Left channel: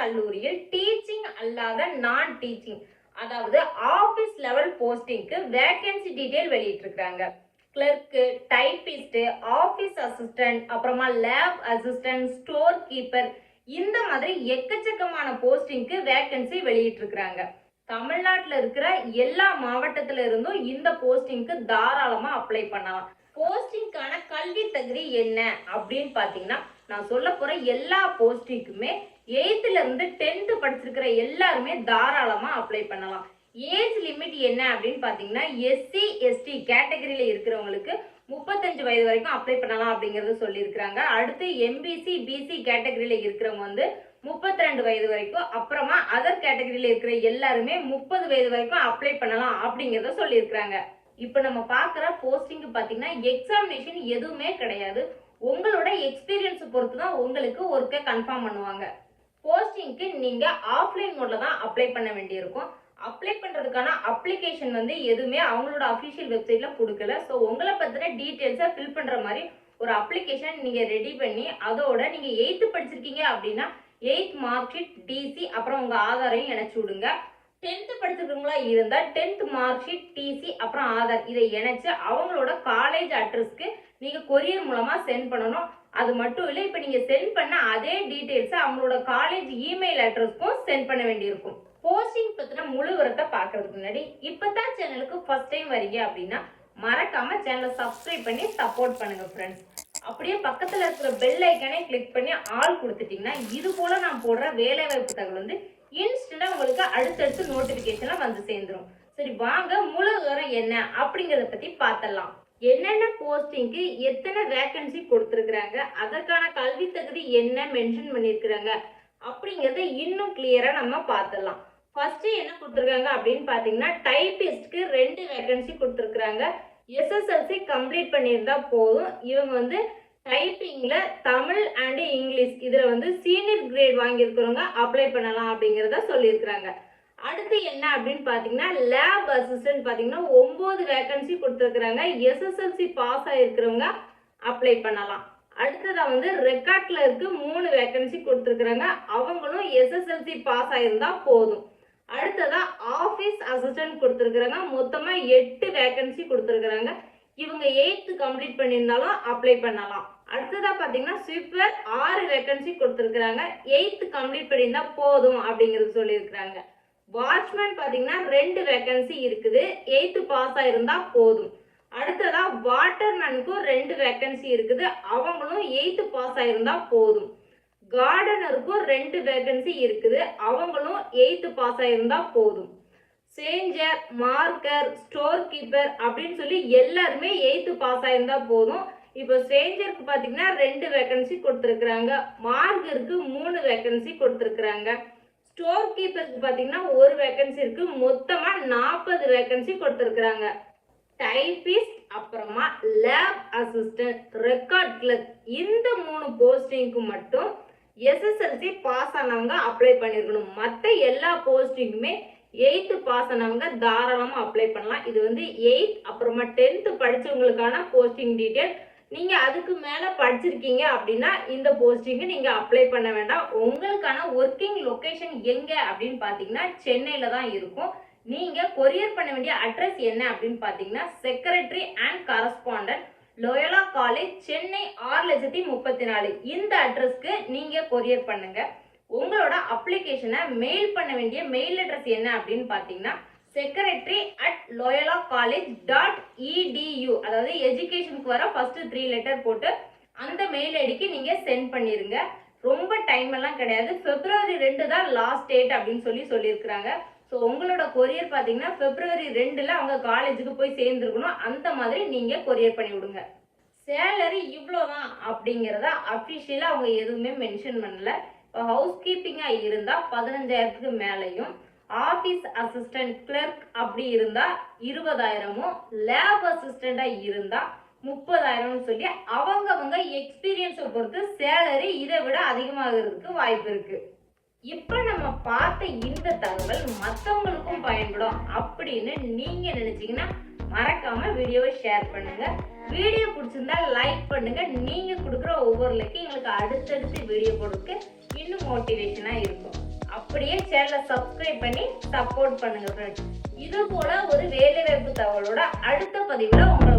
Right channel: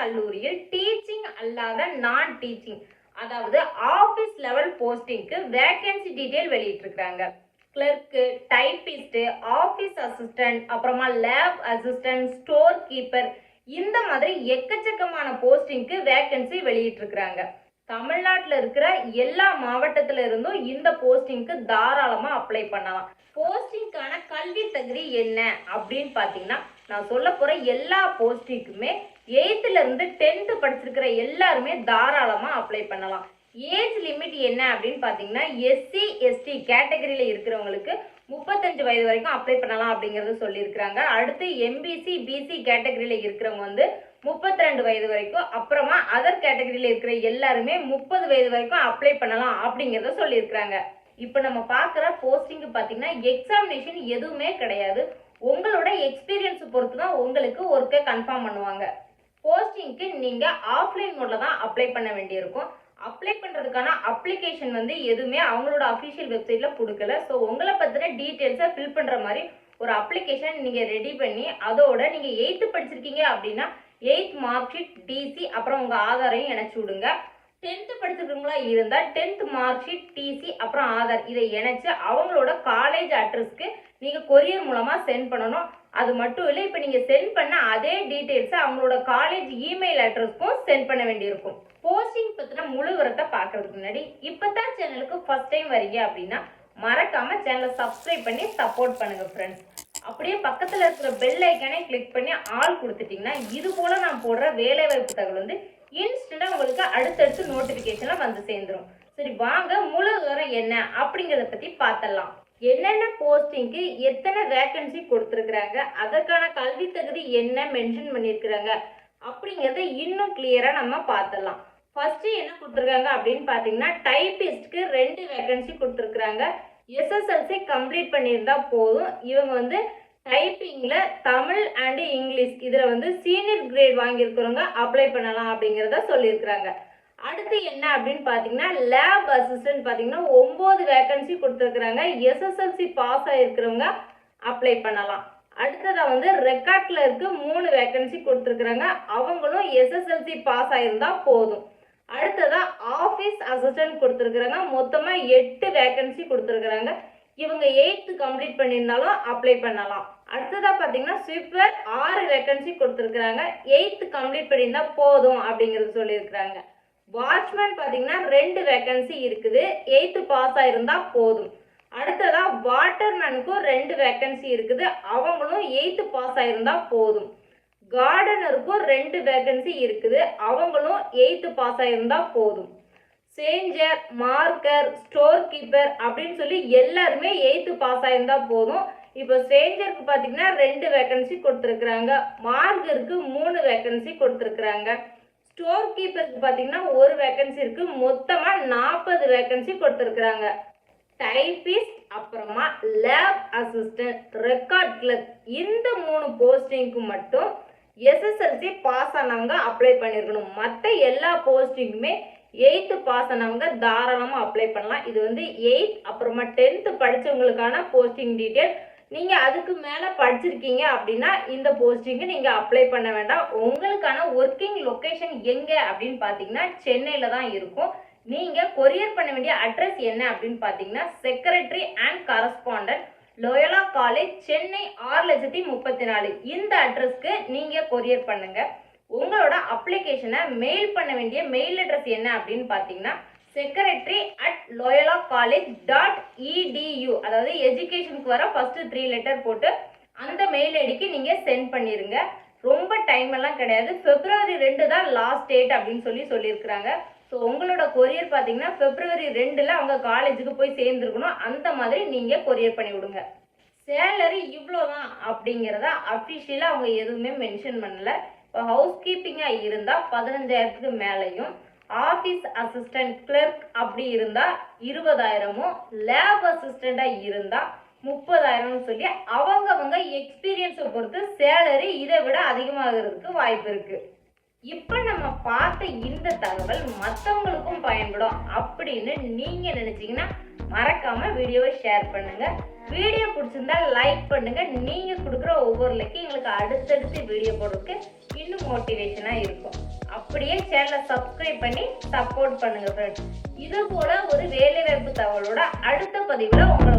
கல்லூரியில் டீச்சிங் அல்லாத நான் டீச்சிங் அதாவது ஆபீஸ் லெவல் போஸ்டிங்க்கு வேகன்சி டீடைல் வெளியிட்டிருக்காங்க. கிளர்க்கு, டைபிஸ்ட், ஆபீஸ் அசிஸ்டன்ட், அப்புறமா லேப் அசிஸ்டன்ட், ஸ்டோர் கீப்பர், இந்த மாதிரி எக்கச்சக்கமான போஸ்டிங்க்கு வேகன்சி வெளியிட்டிருக்காங்க. தமிழ்நாட்டில் இருக்கிற எல்லா மாவட்டத்தில இருந்தும் இந்த போஸ்டிங்க்கு தாராளமா அப்ளை பண்ணலாம். போஸ்டிங்கான கல்வி தகுதி என்ன அப்படின்னு பாத்தீங்கன்னா, நான் சொல்ல போற எல்லா போஸ்டிங்க்குமே 8th இருந்து 10th படிச்சிருக்கிற எல்லாருமே தாராளமா அப்ளை பண்ணலாம். ஏஜ் லிமிட் என்ன அப்படின்னு பாத்தீங்கன்னா, எஸ்சி எஸ்டி கேட்டகரியில இருக்கிறவங்களுக்கு 35 வயது வரைக்கும் அப்ளை பண்ணலாம் அப்படிங்கறது சொல்லியிருக்காங்க. அடுத்து எம்பிசி பிசி கேட்டகரியில இருக்கிறவங்க வந்து 32 வயது வரைக்கும், அப்புறமா அதர் கேட்டகரியில இருக்கிற எல்லாருமே 30 வயது வரைக்கும் அப்ளை பண்ணலாம் அப்படிங்கறத சொல்லியிருக்காங்க. இப்ப நம்ம பாக்குற போஸ்டிங் பாத்தீங்கன்னா எக்ஸாமினேஷன் எதுவுமே கிடையாது. உங்களோட எக்ஸ்பீரியன்ஸ் பொறுத்து தான் உங்களுக்கு ஒர்க்கை கன்ஃபார்ம் பண்ணுவாங்க. போஸ்டிங்க்கு நீங்க ஆஃப்லைன் மோட்ல தான் அப்ளை பண்ண வேண்டியிருக்கும். அப்ளை பண்றதுக்கான அப்ளிகேஷன் வந்து எதுவுமே அவங்களோட அஃபிஷியல் வெப்சைட்ல கொடுக்கல. ஸோ உங்களை பத்தின டீட்டெயில்ஸை ஃபில் பண்ற மாதிரி ஒரு அப்ளிகேஷன் நீங்க ரெடி பண்ணி, அதோட நீங்க 8th படிச்சிருக்கீங்க அப்படின்னா 8th மார்க் ஷீட், டிசி, அப்புறம் உங்க ஆதாரையும் இணைச்சு விடுங்க. 10th படிச்சிருக்கவங்களா இருந்தா 10th மார்க் ஷீட், டிசி, அப்புறம் ஆதார் இதை இணைச்சு அவங்களோட காலேஜ் அட்ரஸ்க்கு நீங்க கொரியர் மூலமா சென்ட் பண்ணணும். அது மட்டும் இல்லை, இப்ப நீங்க சென்ட் பண்ண அதே டீடைல்ஸ் அவங்களோட காலேஜ் இமெயில் அட்ரஸ்க்கும் சென்ட் பண்ண வேண்டியிருக்கும். போஸ்டிங் பத்தின முழு விவரத்தை பாக்குறதுக்கு முன்னாடி இப்பதான் சேனலுக்கு ஃபர்ஸ்ட் டைம் வரீங்க அப்படின்னா மறக்காம சேனலை சப்ஸ்கிரைப் பண்ணி சப்போர்ட் பண்ணுங்க ஃப்ரெண்ட்ஸ். அப்படியே பக்கத்துல இருக்கிற பெல் ஐக்கானே கிளிக் பண்ணி ஆல் கொடுத்துட்டீங்கன்னா இது போல நான் போடுற வேலை வாய்ப்பு தகவல் வந்து இன்ஸ்டன்டா உங்களுக்கு அடுத்தடுத்து நோட்டிபிகேஷன்ல வந்து சேர்ந்துடும். சரி வாங்க முழு விவரம் என்ன அப்படிங்கறத பத்தி பார்த்தலாம். என்னென்ன போஸ்டிங்க்கு எத்தனை வேகன்சி கொடுத்திருக்கிறாங்க, அதற்கான கல்வி தகுதி என்ன மென்ஷன் பண்ணிருக்கிறாங்க அப்படிங்கறத இன்னும் கிளியரா நம்ம பார்த்தலாம். ஃபர்ஸ்ட் என்ன கொடுத்திருக்காங்க அப்படின்னு பாத்தீங்கன்னா, டைபிஸ்ட்க்கு 2 வேகன்சி கொடுத்திருக்காங்க. எஸ்எஸ்எல்சி கம்ப்ளீட் பண்ணியிருந்தா போதும். இவங்க வந்து டைப்பிங்ல தமிழ் அண்ட் இங்கிலீஷ் இதுல வந்து சீனியர் கிரேட் வாங்கியிருக்கிறவங்க அப்ளை பண்ணலாம் அப்படிங்கறத சொல்லியிருக்கிறாங்க. அடுத்து என்ன அப்படின்னு பாத்தீங்கன்னா, லேப் அசிஸ்டன்ட் பாத்தீங்கன்னா 9 வேகன்சி கொடுத்திருக்காங்க. எஸ்எஸ்எல்சி பாஸ் ஆயிருக்கிறவங்க அப்ளை பண்ணலாம். அடுத்ததா வந்து ரெக்கார்ட் கிளர்க்கு 3 வேகன்சி கொடுத்திருக்காங்க. அவங்களும் எஸ்எஸ்எல்சி பாஸ் ஆயிருந்தா போதும். அடுத்ததா ஆபீஸ் அசிஸ்டன்ட் கொடுத்திருக்காங்க. மொத்தமா 8 வேகன்சி கொடுத்திருக்காங்க. இவங்க 8th கம்ப்ளீட் பண்ணியிருந்தாலும் அப்ளை பண்ணலாம். அடுத்ததா பாத்தீங்கன்னா ஸ்வீப்பர் 6 வேகன்சி கொடுத்திருக்காங்க. 8th கம்ப்ளீட் பண்ணியிருந்தா போதும் அப்படிங்கறது சொல்லியிருக்காங்க. வாட்ச்மேன் பாத்தீங்கன்னா 2 வேகன்சி இருக்குது. 8th பாஸ் ஆயிருந்தா போதும். அடுத்ததா வாட்டர்மேனுக்கும் 2 வேகன்சி இருக்குது. அவங்களும் 8th பாஸ் ஆயிருந்தா போதும். கார்டனருக்கும் 2 வேகன்சி இருக்குது. அவங்களும் 8th பாஸ் ஆயிருந்தா போதும். சேஞ்சர், மார்க்கர், ஸ்டோர் கீப்பர் அப்படின்னு சொல்லி எல்லாருமே 8th பாஸ் ஆயிருந்தா போதும். இப்போ சேஞ்சருக்கு பாத்தீங்கன்னா 2 வேகன்சி கொடுத்திருக்காங்க. மார்க்கருக்கு 3 வேகன்சி கொடுத்திருக்காங்க. ஸ்டோர் கீப்பருக்கு பாத்தீங்கன்னா 1 வேகன்சி இருக்கு. மொத்தமா 40 வேகன்சி கொடுத்திருக்காங்க. டைபிஸ்ட், அப்புறமா லேப் அசிஸ்டன்ட், ரெக்கார்ட் கிளர்க் இந்த 3 போஸ்டிங்க்கு மட்டும் எஸ்எஸ்எல்சி பாஸ் ஆனவங்க அப்ளை பண்ணிருக்கணும். மற்ற எல்லா போஸ்டிங்குமே 8th பாஸ் ஆனவங்க தாராளமா அப்ளை பண்ணலாம். இது வந்து 8th அப்புறமா 10th படிச்சவங்களுக்கான போஸ்டிங் டீடைல். நீங்க அதுக்கு மேல படிச்சிருக்கீங்க அப்படின்னா இந்த போஸ்டிங்க்கு நீங்க அப்ளை பண்ண வேண்டாம். உங்களுக்கான ஒர்க்கிங் லொகேஷன் எங்க அப்படின்னு பாத்தீங்கன்னா சென்னையில தான் இருக்கும். நீங்க கொரியர் பண்ண வேண்டிய அட்ரஸ் என்ன அப்படின்னு பாத்தீங்கன்னா, secretary and correspondent, Loyola college, Chennai 6,34,000 இந்த அட்ரஸ்க்கு நீங்க கொரியர் பண்ணுங்க. உங்களோட அப்ளிகேஷனை மெயில் பண்ண வேண்டிய மெயில் அட்ரஸ் என்ன அப்படின்னு பாத்தீங்கன்னா, secretary@loyolacollege.edu அதாவது எஜுகேஷனுக்கு வர ஃபர்ஸ்ட் 3 லெட்டர் போட்டு அந்த மெயில் ஐடிக்கு நீங்க சென்ட் பண்ணிருங்க. ரொம்ப டைம் எல்லாம் கிடையாது. February 2 தான் லாஸ்ட் டேட் அப்படின்னு சொல்லியிருக்காங்க. ஸோ உங்களோட கொரியர் பாத்தீங்கன்னா February 2ல அவங்க காலேஜுக்கு போய் சேர்ந்துருக்கணும். அந்த மாதிரி நீங்க கொரியர் பண்ணி விடுங்க. சேலரி இவ்வளோதான் அப்படிங்கிறத அஃபிஷியலா அவங்க எதுவுமே மென்ஷன் பண்ணல. இப்போ ஹவுஸ் கீப்பிங்கா இருந்தா 15,000க்கு மேலையும், ஆபீஸ் அசிஸ்டன்ட் கிளர்க் அப்படி இருந்தா 20,000, லேப் அசிஸ்டண்டா இருந்தா 30,000 சொல்லி அவங்க எக்ஸ்பீரியன்ஸை பொறுத்து சேலரி இதை விட அதிகமாகிறதுக்கு வாய்ப்பு இருக்கு. இப்ப நம்ம பார்த்த இந்த தகவல் மற்றவங்களுக்கும் பயன்படும் அப்படின்னு நீங்க நினைச்சீங்கன்னா மறக்காம வீடியோவை ஷேர் பண்ணுங்க. வீடியோ பிடிச்சிருந்தா லைக் பண்ணுங்க. நீங்க கொடுக்குற ஒவ்வொரு லைக்கும் எங்களுக்கு அடுத்தடுத்து வீடியோ போடுறதுக்கு இன்னும் மோட்டிவேஷனா இருக்கும். அப்படியே சேனலை சப்ஸ்கிரைப் பண்ணி சப்போர்ட் பண்ணுங்க ஃப்ரெண்ட்ஸ். இது போல ஒரு வேலைவாய்ப்பு தகவலோட அடுத்த பதிவுல உங்களை